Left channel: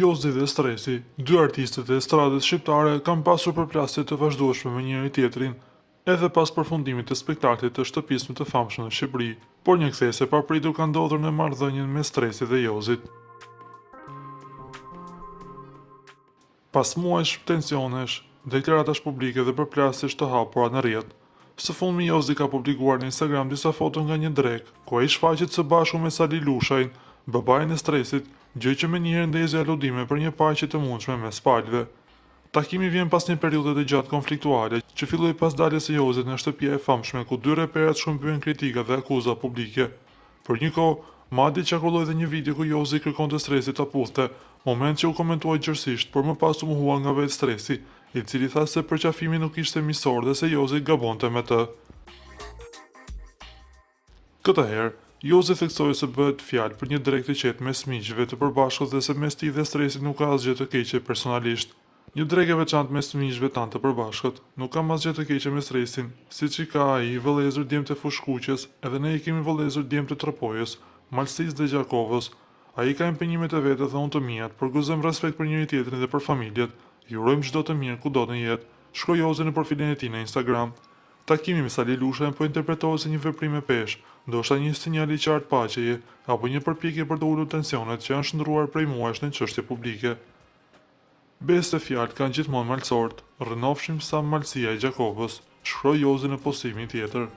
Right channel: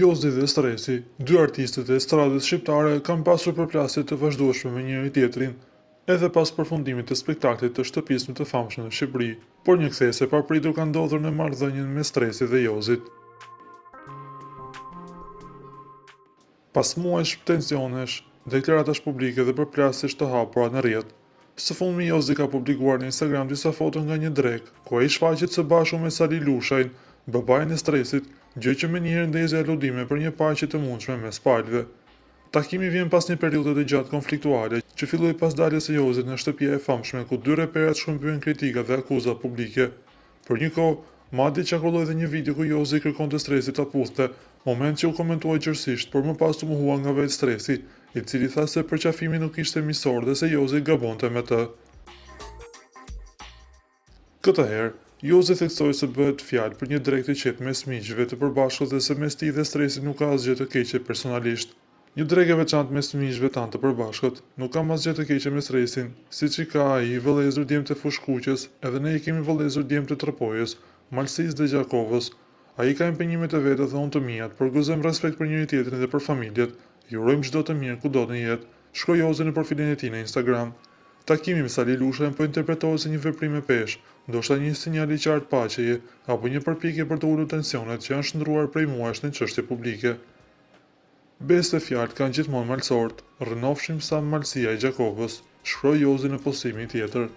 Jozi dhe Stresi, dy artistët e estradës shqiptare kanë pasur përplasje të vazhdueshme me njëri tjetrin, edhe pas përfundimit të spektaklit të shtëpisë më të famshme në Shqipëri, por një kthesë e papritur ka ndodhur në marrëdhënien mes Stresit dhe Jozit. Pas muajsh tensionesh, deklaratash publike dhe përplasjesh të hapura në rrjet, së fundmi Jozi ka publikuar në Instagram disa foto nga një drek, ku ai shfaqet së bashku me Sali Lushajn, babain e Stresit, gjë që menjëherë ndezi aludime për një paqe të mundshme mes palëve. Takimi vjen pas një periudhe të gjatë konfliktuale, që filloi pas daljes së Jozit në shtëpia e famshme ku dy reperat shkëmbyen kritika dhe akuza publike. Për një kohë, madje çakolloi edhe një video ku Jozi kërkonte Stresit ta puthte, moment që u komentuai gjërësisht, por më pas u mohua nga vetë Stresi, i cili tha se përqafimi nuk ishte misor dhe se Jozi gabonte me të. Këtë herë, Jozi theksoi se bëhet fjalë për një drek të qetë mes miqve të përbashkët dhe se mes tij dhe Stresit nuk ka asgjë të keqe personalisht. Një drek e veçantë mes miqve tanë të përbashkët, nuk kam asgjë të keqe me Stresin, siç i ka ai vëllezër djemt e Fushkuqës, edhe ne i kemi vëllezër djemt të Tropojës, Malsisë dhe Gjakovës. Ai ka impenjimet e veta dhe unë të mijat, por gëzojmë respekt për njëri tjetrin dhe për familjet. Ju urojmë çdo të mirë kudo në jetë, shkroi Jozi në profilin e tij në Instagram. Takimi me Sali Lushajn po interpretohet si një veprim e peshë, ndoshta një sinjal i qartë paqeje, apo një përpjekje për të ulur tensionet që janë shndruar prej muajsh në çështje publike. Besë të fjalë kanë gjithmonë malsort, rrënofshim sa malësia e Gjakovës, shkroi Jozi në postimin tjetër.